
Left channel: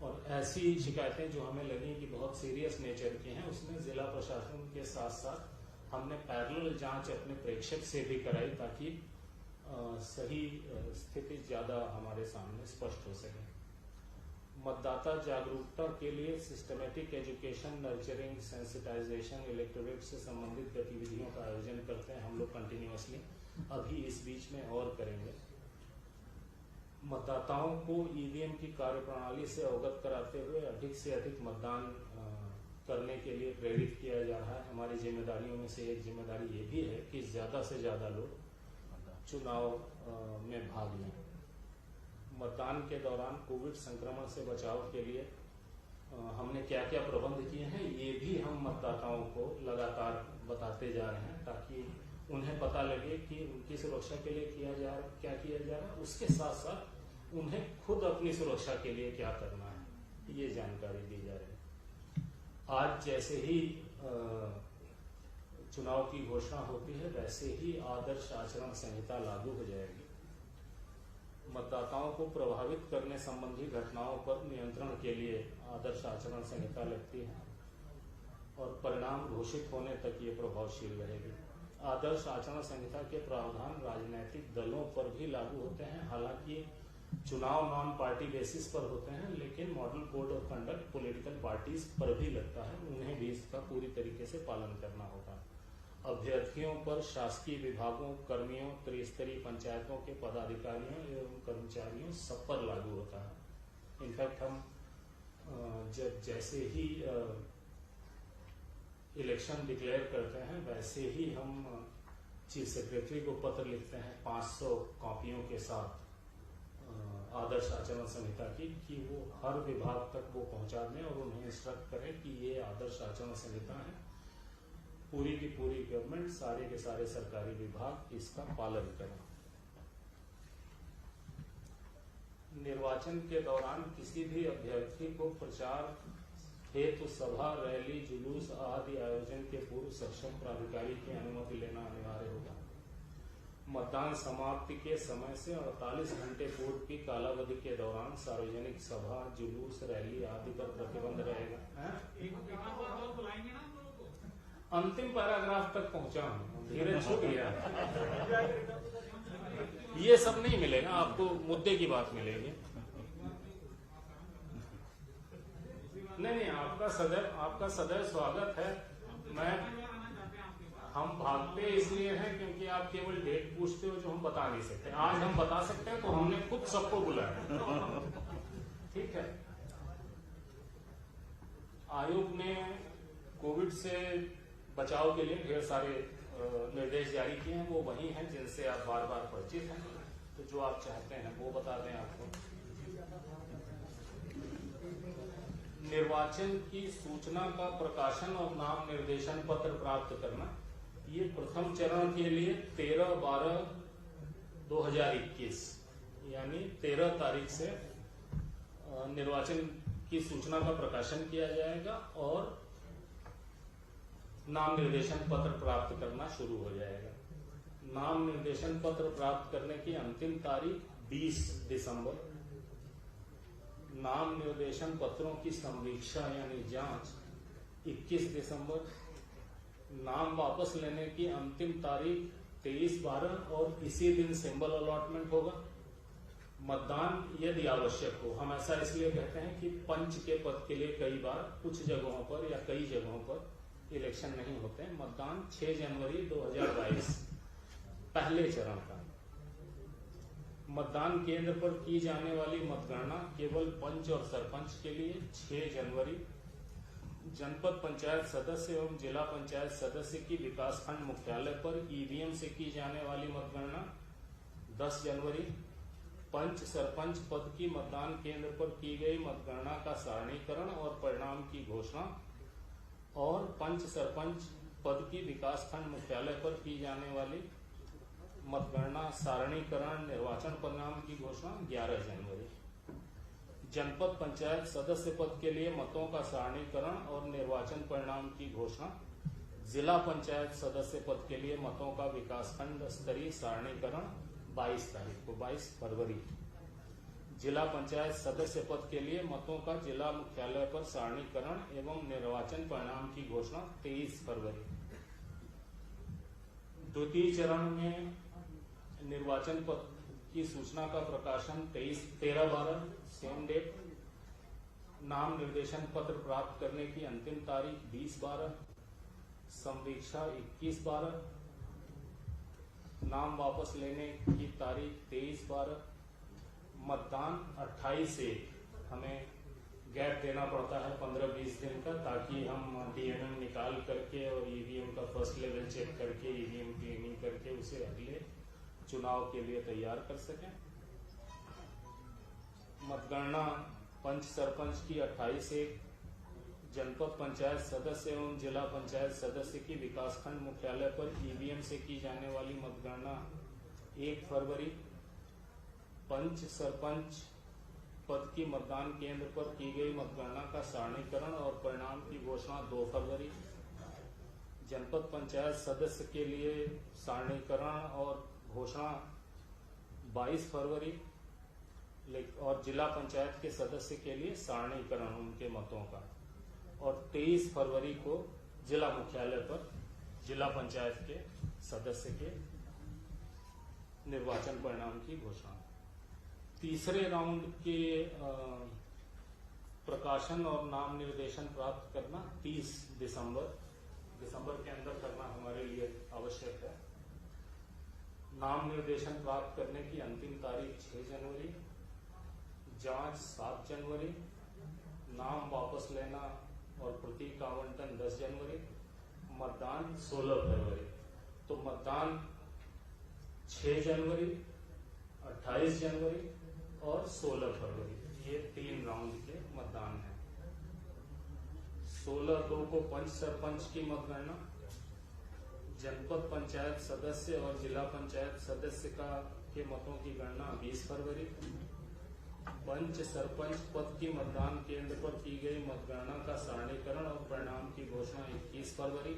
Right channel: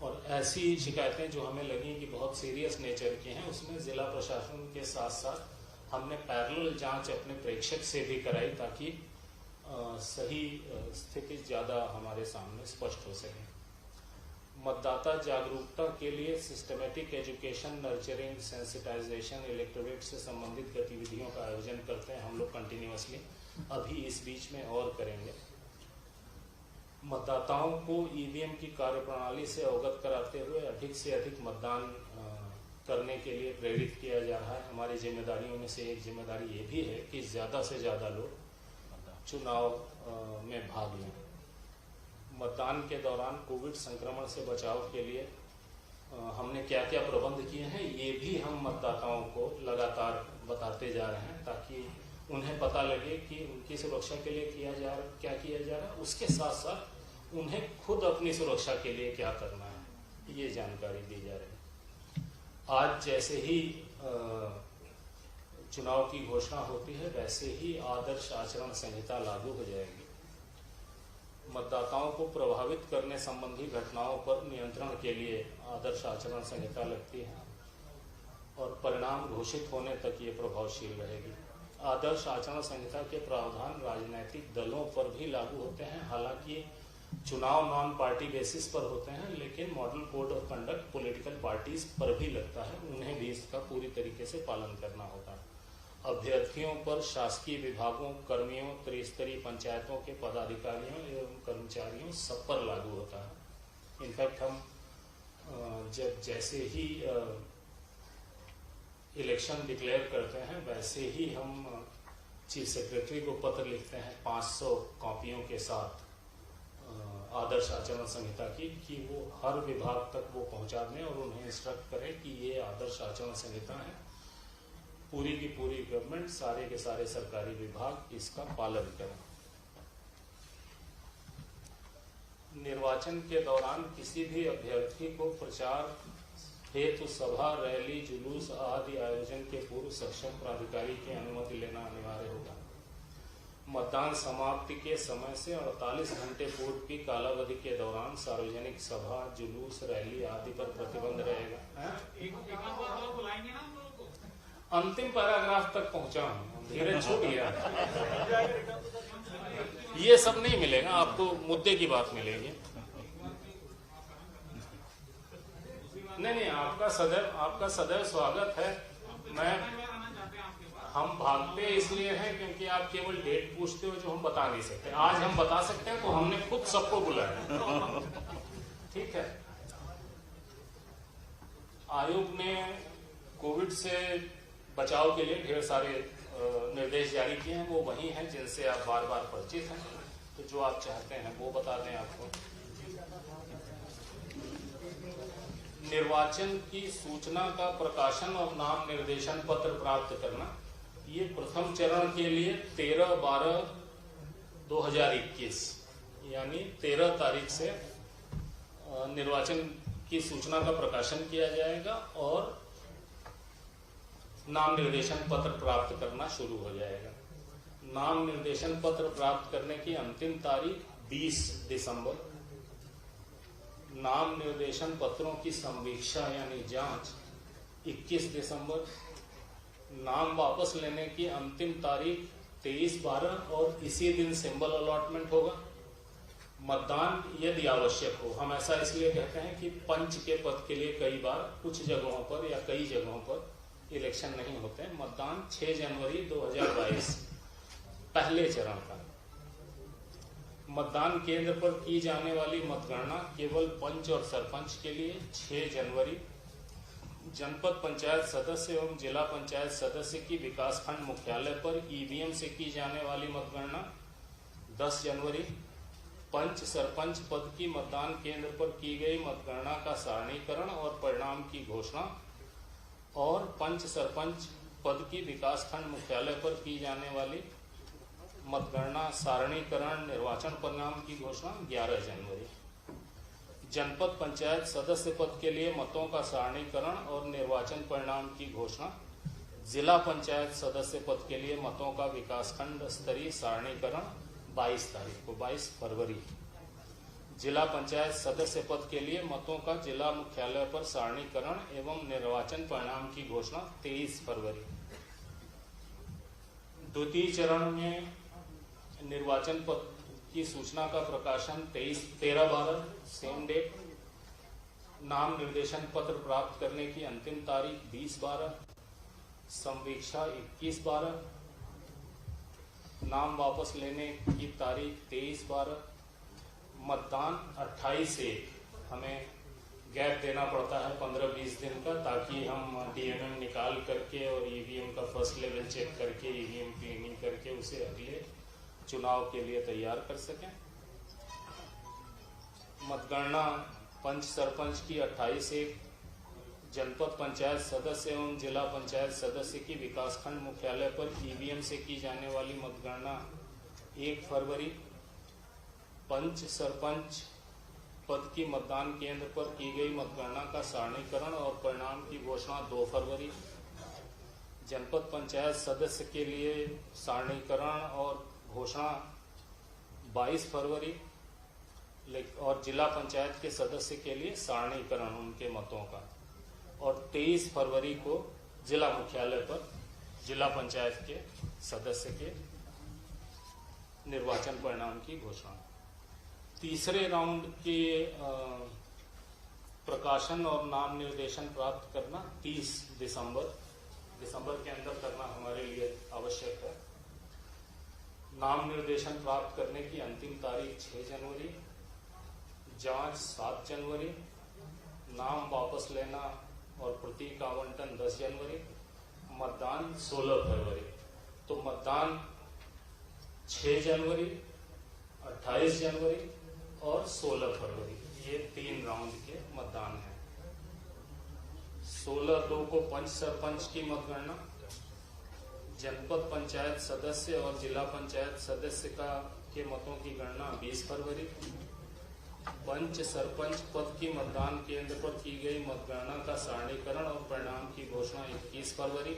और ऐसी शिकायतें जो हमें लगी कि बहुत सीरियस नेचर की हैं, उसमें जिला प्रशासन के साथ साथ हमने पैरेलल जांच अपने प्रेक्षक से भी कराई, ताकि सही स्थिति ज़्यादा हमारे सामने स्पष्ट हो सके। मतदाता जागरूकता के लिए systematic education, nurturing, sensitisation, electorate से संबंधित गतिविधियों का आयोजन करते हैं हम लोग कंटिन्यूअसली, अभी इस बीच में और करेंगे। मतदाताओं को ईवीएम की कार्यप्रणाली से अवगत कराते हुए अधिक से अधिक मतदान करने के लिए प्रेरित किया जा रहा है। हमारी जिम्मेदारियों में से एक जिम्मेदारी ये भी है कि ज़्यादा से ज़्यादा लोग चुनाव में भाग लें। मतदान के दौरान कोविड संक्रमण से बचाव के लिए हमने क्या क्या प्रबंध किए हैं, ये भी हम मतदाताओं को लगातार बताते जा रहे हैं, ताकि उन्हें पता लगे कि उनकी सुरक्षा के लिए क्या किया जा रहा है, उसके साथ साथ उन्हें खुद अपनी सुरक्षा के लिए क्या करना है, ये जानकारी दी जा रही है। आज जैसे ही चुनाव की घोषणा होती है, वैसे ही आदर्श आचरण संहिता लागू हो जाएगी। मतदाताओं को प्रभावित करने संबंधी घटनाओं पर नियंत्रण के लिए आदर्श आचरण संहिता लगती है और परिणाम घोषित होने तक ये प्रभावशील रहेगी। आदर्श आचरण संहिता के प्रावधान राजनीतिक दलों पर भी लागू होते हैं। हालांकि चुनाव नॉन पार्टी बेसिस पर होते हैं, लेकिन model code of conduct political parties पर भी लगता है, उन्हें भी इसका पूरी तरीके से पालन करना होता है। अभ्यर्थियों पर, शासकीय विभागों, कर्मियों, त्रिस्तरीय पंचायतों के पदाधिकारियों एवं कर्मचारियों सब पर लागू होता है। इनफैक्ट हम जब जैसे ही इलेक्शन डिक्लेयर करते हैं वैसे ही हम चीफ सेक्रेटरी को पत्र लिखते हैं 500 कॉपियों के साथ आदर्श आचरण संहिता की, कि वो हर विभाग तक वो पहुंचा दें और उन्हें इंस्ट्रक्ट करें कि ये आदर्श आचरण संहिता है। पूरी की पूरी गवर्नमेंट, सारे के सारे सरकारी विभाग इसका पालन करें। निर्वाचन के दौरान किसी भी अभ्यर्थी को प्रचार हेतु सभा, रैली, जुलूस आदि आयोजन के पूर्व सक्षम प्राधिकारी की अनुमति लेना अनिवार्य होगा। मतदान समाप्ति के समय से 48 घंटे पूर्व की कालावधि के दौरान सार्वजनिक सभा, जुलूस, रैली आदि पर प्रतिबंध रहेगा। अंतिम पैराग्राफ तक पहुंचा हूं, धीरे छूट गया। ये सब नहीं मिलेगा आपको, मुद्दे की बात मिलेगी। नहीं, आपका सदैव स्वागत है। हम भागते इसलिए हैं क्योंकि आप केवल डेट पूछते हो जो हम बता नहीं सकते। आज हम बता सकते हैं तो हमने खुद सबको बुलाया। ठीक है। आयोग ने कोविड से बचाव के लिए ढेर सारे निर्देश जारी किए हैं। वो वही हैं जिनसे आप बार बार परिचित हैं, तो जो आप चाहते हैं वो बता दें आपको। निर्वाचन की सूचना का प्रकाशन और नाम निर्देशन पत्र प्राप्त करना, ये प्रथम चरण के लिए 13/12/2021 यानी 13 तारीख से निर्वाचन की सूचना का प्रकाशन किया जाएगा और नाम निर्देशन पत्र प्राप्त करना शुरू हो जाएगा। नाम निर्देशन पत्र प्राप्त करने की अंतिम तारीख 20 दिसंबर। नाम निर्देशन पत्रों की संवीक्षा यानी जांच 21 दिसंबर। नाम वापस लेने की अंतिम तारीख 23/12 और इसी दिन सिंबल अलॉटमेंट होगा। मतदान यदि आवश्यक हो, हम ऐसा इसलिए कहते हैं कि पंच के पद के लिए कई बार कुछ जगहों पर या कई जगहों पर इलेक्शन नहीं होते हैं। मतदान 6 जनवरी 2022 पहले चरण का। मतदान केंद्र पर की जाने वाली मतगणना केवल पंच और सरपंच के लिए 6 जनवरी। जनपद पंचायत सदस्य एवं जिला पंचायत सदस्य की विकासखंड मुख्यालय पर ईवीएम से की जाने वाली मतगणना 10 जनवरी। पंच सरपंच पद की मतदान केंद्र पर की गई मतगणना का सारणीकरण और परिणाम की घोषणा और पंच सरपंच पद की विकासखंड मुख्यालय पर की जाने वाली मतगणना सारणीकरण निर्वाचन परिणाम की घोषणा 11 जनवरी। जनपद पंचायत सदस्य पद के लिए मतों का सारणीकरण और निर्वाचन परिणाम की घोषणा, जिला पंचायत सदस्य पद के लिए मतों का विकासखंड स्तरीय सारणीकरण 22 तारीख को, 22 फरवरी। जिला पंचायत सदस्य पद के लिए मतों का जिला मुख्यालय पर सारणीकरण एवं निर्वाचन परिणाम की घोषणा 23 फरवरी। द्वितीय चरण में निर्वाचन पद की सूचना का प्रकाशन 13/12 सेम डेट। नाम निर्देशन पत्र प्राप्त करने की अंतिम तारीख 20/12। संवीक्षा 21/12। नाम वापस लेने की तारीख 23/12। मतदान 28/1। हमें गैप देना पड़ता है 15-20 दिन का, ताकि हम डीएमएम निकाल करके और ईवीएम का फर्स्ट लेवल चेक करके ईवीएम क्लीनिंग करके उसे अगले चुनाव के लिए तैयार कर सकें। मतगणना पंच सरपंच की 28/1। जनपद पंचायत सदस्य एवं जिला पंचायत सदस्य की विकासखंड मुख्यालय पर ईवीएम से की जाने वाली मतगणना 1 फरवरी। पंच सरपंच पद की मतदान केंद्र पर की गई मतगणना का सारणीकरण और परिणाम की घोषणा 2 फरवरी। जनपद पंचायत सदस्य के लिए सारणीकरण और घोषणा 22 फरवरी। और जिला पंचायत के सदस्य के लिए सारणीकरण उनके मतों का, और 23 फरवरी को जिला मुख्यालय पर जिला पंचायत के सदस्य के निर्वाचन परिणाम की घोषणा। तीसरे राउंड के प्रकाशन और नाम निर्देशन प्राप्त करना 30 दिसंबर के अंदर करना हमारे लिए आवश्यक है। नाम निर्देशन प्राप्त करने की अंतिम तारीख 6 जनवरी, जांच 7 जनवरी, नाम वापस लेना और प्रतीक आवंटन 10 जनवरी, मतदान 16 फरवरी। तो मतदान 6 जनवरी, 28 जनवरी और 16 फरवरी, ये 3 राउंड के मतदान हैं। 16/2 को पंच सरपंच की मतगणना, जनपद पंचायत सदस्य और जिला पंचायत सदस्य के मतों की गणना 20 फरवरी, पंच सरपंच पद की मतदान केंद्र पर की गई मतगणना का सारणीकरण और परिणाम की घोषणा 21 फरवरी,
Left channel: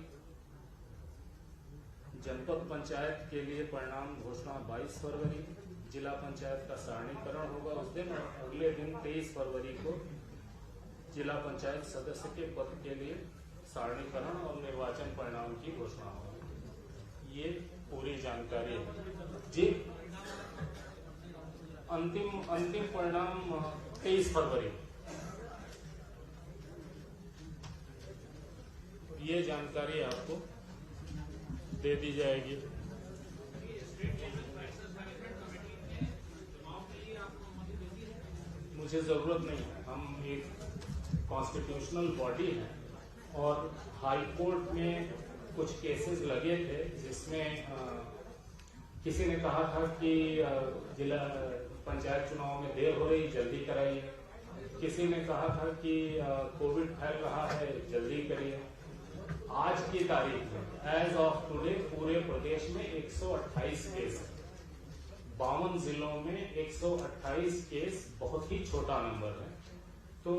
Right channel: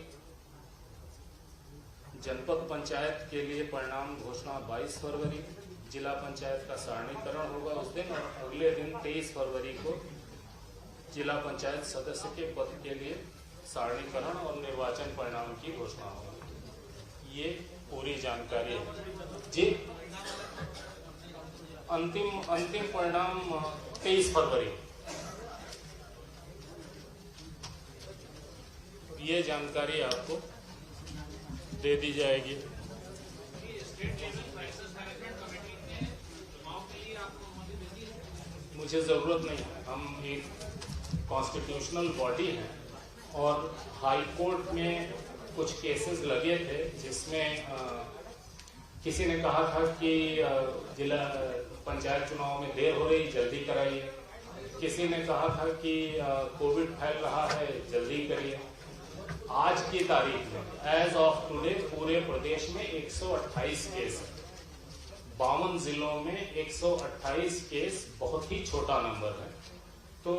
जनपद पंचायत के लिए परिणाम घोषणा 22 फरवरी, जिला पंचायत का सारणीकरण होगा उस दिन, और अगले दिन 23 फरवरी को जिला पंचायत सदस्य के पद के लिए सारणीकरण और निर्वाचन परिणाम की घोषणा होगी। ये पूरी जानकारी है जी। अंतिम परिणाम 23 फरवरी। ये जानकारी आपको दे दी जाएगी। मुझे जरूरत नहीं है, हम एक कॉन्स्टिट्यूशनल बॉडी हैं और हाई कोर्ट में कुछ केसेस लगे थे जिसमें किसी ने कहा था कि जिला पंचायत चुनाव में देर हो रही, जल्दी कराइए। किसी ने कहा था कि कोविड फैल रहा है, जल्दी करिए। आज की तारीख में एज ऑफ टुडे पूरे प्रदेश में 128 केस, 52 जिलों में 128 केस, बहुत ही छोटा नंबर है। तो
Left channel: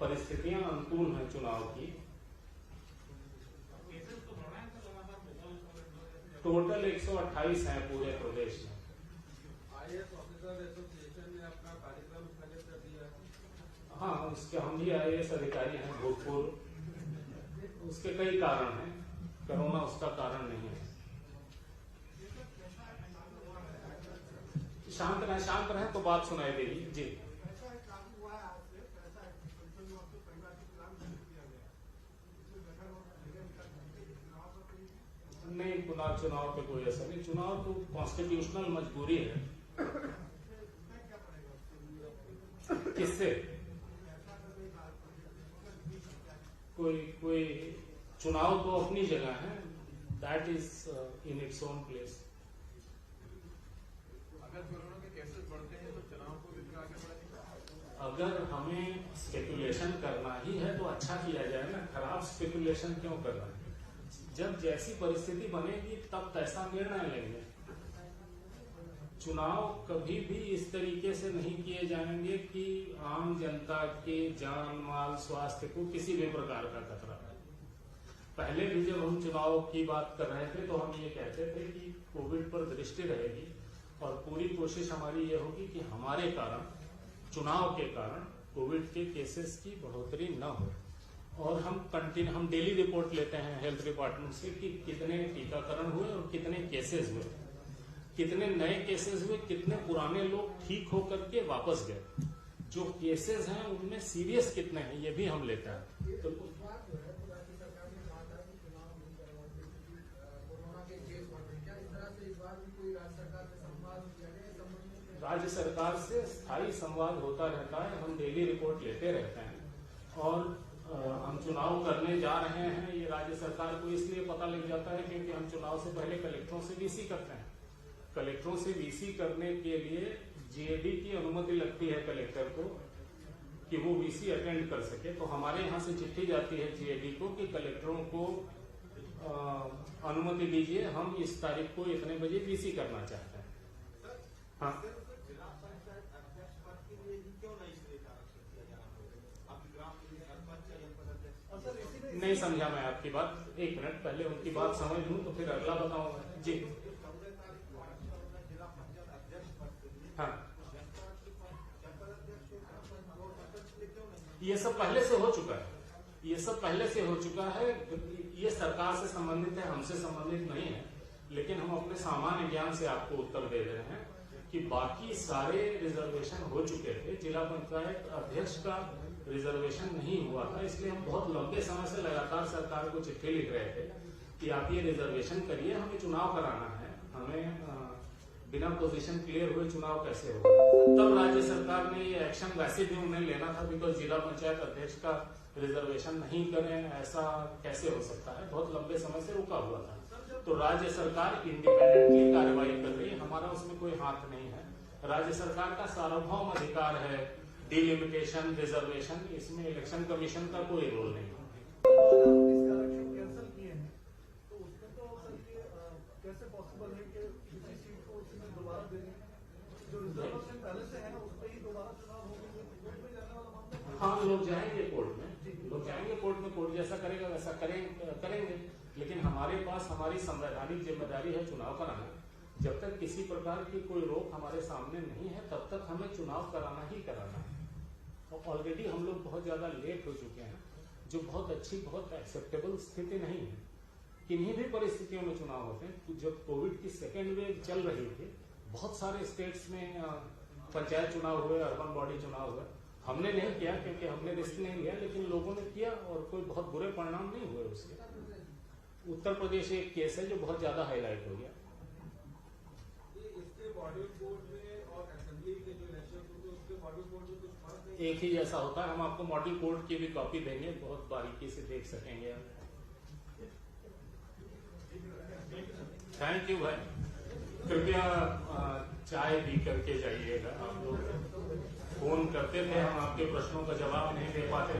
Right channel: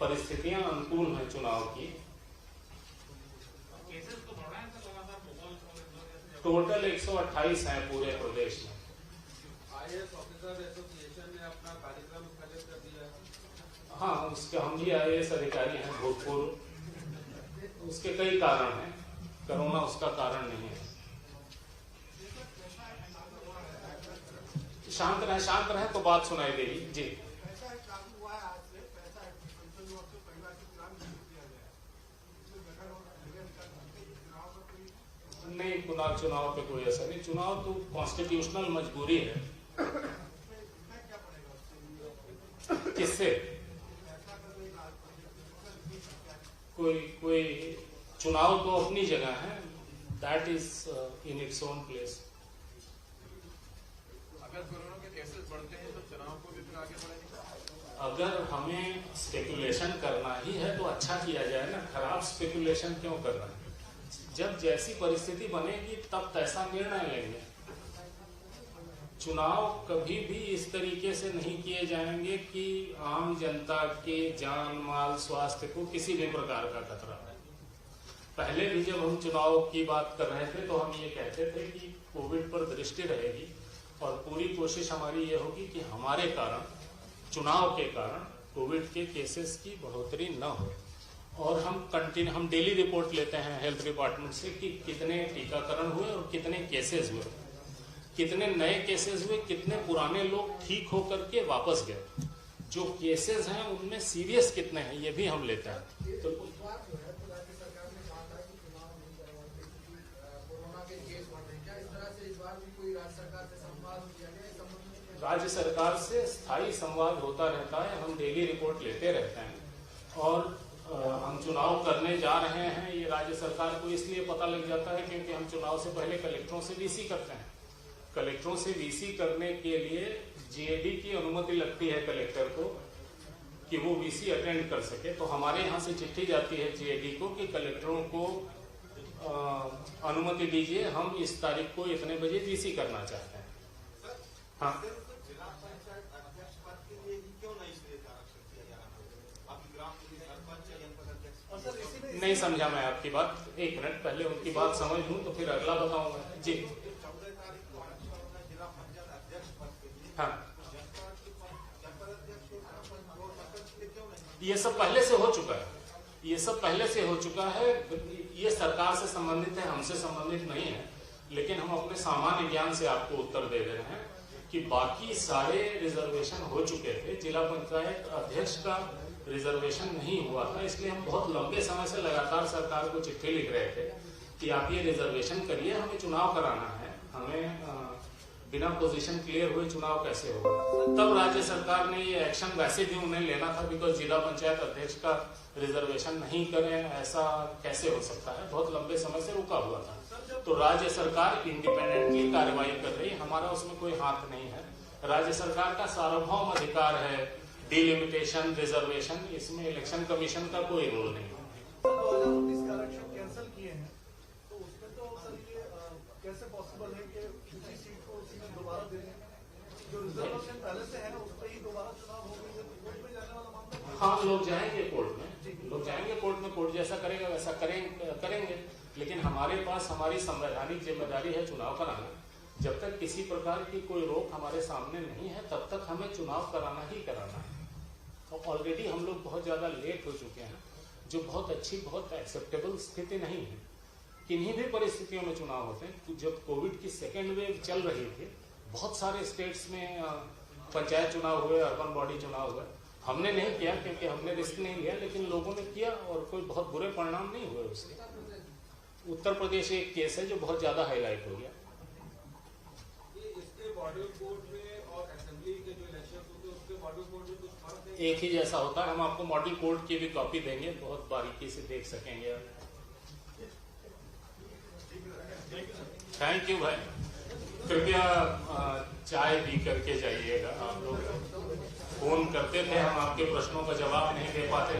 परिस्थितियां अनुकूल हैं चुनाव की। टोटल 128 हैं पूरे प्रदेश में। आईएएस ऑफिसर एसोसिएशन ने अपना कार्यक्रम स्थगित कर दिया। हाँ, उसके हम भी आईएएस अधिकारी हैं भूतपूर्व। उसके कई कारण हैं, कोरोना उसका कारण नहीं है। शांत रहे तो बात सुनाई देगी जी। नहीं, चुनाव पे कोई असर नहीं। चुनाव तो कॉन्स्टिट्यूशनल मजबूरी है। किससे कोई चुनाव तो अपनी जगह है, that is in its own place. अगर कोरोना के केसेस बढ़ते हैं तो चुनाव को भी फिर आगे बढ़ाएंगे। अगर हमें स्पेकुलेशन करना ही है तो अच्छा किया जाए ना, खराब स्पेकुलेशन क्यों करना है? जब जैसी परिस्थिति बनेगी तब कैसा निर्णय लेंगे। चुनाव कभी भी इस तरीके से नहीं किए जाएंगे कि आम जनता के जान माल स्वास्थ्य को किसी भी प्रकार का खतरा है। पहले भी जब हम चुनाव की बात कर रहे थे तो हम ये कहते थे कि कोविड पर दृष्टि रहेगी और पूरी कोशिश हमारी ये होगी कि हमारे कारण, चुनाव के कारण कोविड के केसेस की बढ़ोतरी न हो। और हम डेली रिपोर्ट लेते हैं हेल्थ डिपार्टमेंट से कि कितने टीकाकरण हुए और कितने केसेस हुए, कितने नए केसेस हुए, कितने पुराने लोग ठीक होकर के वापस गए, जो केसेस हैं उनमें सीरियस कितने हैं, ये भी हम लेते हैं। तो राज्य सरकार से स्थायी संवाद होता रहता है, हम डेली रिपोर्ट लेते रहते हैं। और हम चुनाव करने जा रहे हैं ये राज्य सरकार को इसलिए पता लग जाता है क्योंकि हम चुनाव से पहले कलेक्टरों से वीसी करते हैं। कलेक्टरों से वीसी करने के लिए जीएडी की अनुमति लगती है कलेक्टर को कि वो वीसी अटेंड कर सके। तो हमारे यहाँ से चिट्ठी जाती है जीएडी को कि कलेक्टरों को अनुमति दीजिए, हम इस तारीख को इतने बजे वीसी करना चाहते हैं। हाँ, नहीं समझा मैं आपकी बात। एक मिनट, पहले उनकी बात समझ लूं तो फिर अगला बताऊंगा जी। हाँ, ये सब पहले से हो चुका है, ये सब पहले से हो चुका है। ये सरकार से संबंधित है, हमसे संबंधित नहीं है। लेकिन हम अपने सामान्य ज्ञान से आपको उत्तर दे रहे हैं कि बाकी सारे रिजर्वेशन हो चुके थे, जिला पंचायत अध्यक्ष का रिजर्वेशन नहीं हुआ था। इसलिए हम बहुत लंबे समय से लगातार सरकार को चिट्ठी लिख रहे थे कि आप ये रिजर्वेशन करिए, हमें चुनाव कराना है, हमें बिना पोजीशन क्लियर हुए चुनाव कैसे होगा। तब राज्य सरकार ने ये एक्शन वैसे भी उन्हें लेना था, बिकॉज जिला पंचायत अध्यक्ष का रिजर्वेशन नहीं करें ऐसा कैसे हो सकता है, बहुत लंबे समय से रुका हुआ था। तो राज्य सरकार इंडिपेंडेंटली कार्रवाई कर रही है, हमारा उसमें कोई हाथ नहीं है। राज्य सरकार का सार्वभौम अधिकार है डिलिमिटेशन, रिजर्वेशन, इसमें इलेक्शन कमीशन का कोई रोल नहीं है। कैंसिल किए हैं तो उसमें तो सर ये कैसे पॉसिबल है कि दूसरी सीट को उसी में दोबारा दे दें? जो रिजर्वेशन पहले से है उस पर ही दोबारा चुनाव हो गई है, कोर्ट में जाने वाला मामला। हाँ, लोग जाएंगे कोर्ट में, लोग जाएंगे कोर्ट में, कोर्ट जैसा करेगा वैसा करेंगे। लेकिन हमारे पास हमारी संवैधानिक जिम्मेदारी है चुनाव कराना। जब तक किसी प्रकार की कोई रोक हमारे सामने नहीं है तब तक हमें चुनाव कराना ही कराना है। और ऑलरेडी हम लोग बहुत ज्यादा लेट हो चुके हैं, जो बहुत अच्छी, बहुत एक्सेप्टेबल स्थिति नहीं है। किन्हीं भी परिस्थितियों में चुनाव होते हैं। जब कोविड की सेकेंड वेव चल रही थी, बहुत सारे स्टेट्स में पंचायत चुनाव हुए, अर्बन बॉडी चुनाव हुए। हमने नहीं किया क्योंकि हमने रिस्क नहीं लिया, लेकिन लोगों ने किया और कोई बहुत बुरे परिणाम नहीं हुए उसके। उत्तर प्रदेश एक केस है जो बहुत ज्यादा हाईलाइट हो गया। इसके मॉडल कोर्ट में और असेंबली के जो इलेक्शन होते हैं उसके मॉडल कोर्ट में कुछ फर्क है? एक ही जैसा होता है। हम आपको मॉडल कोड की भी कॉपी देंगे, बहुत बारीकी से देख सकेंगे आप। थैंक यू भाई, कृपया चाय पी करके जाइएगा। आप लोग फोन करते थे, हम आपके प्रश्नों का जवाब नहीं दे पाते।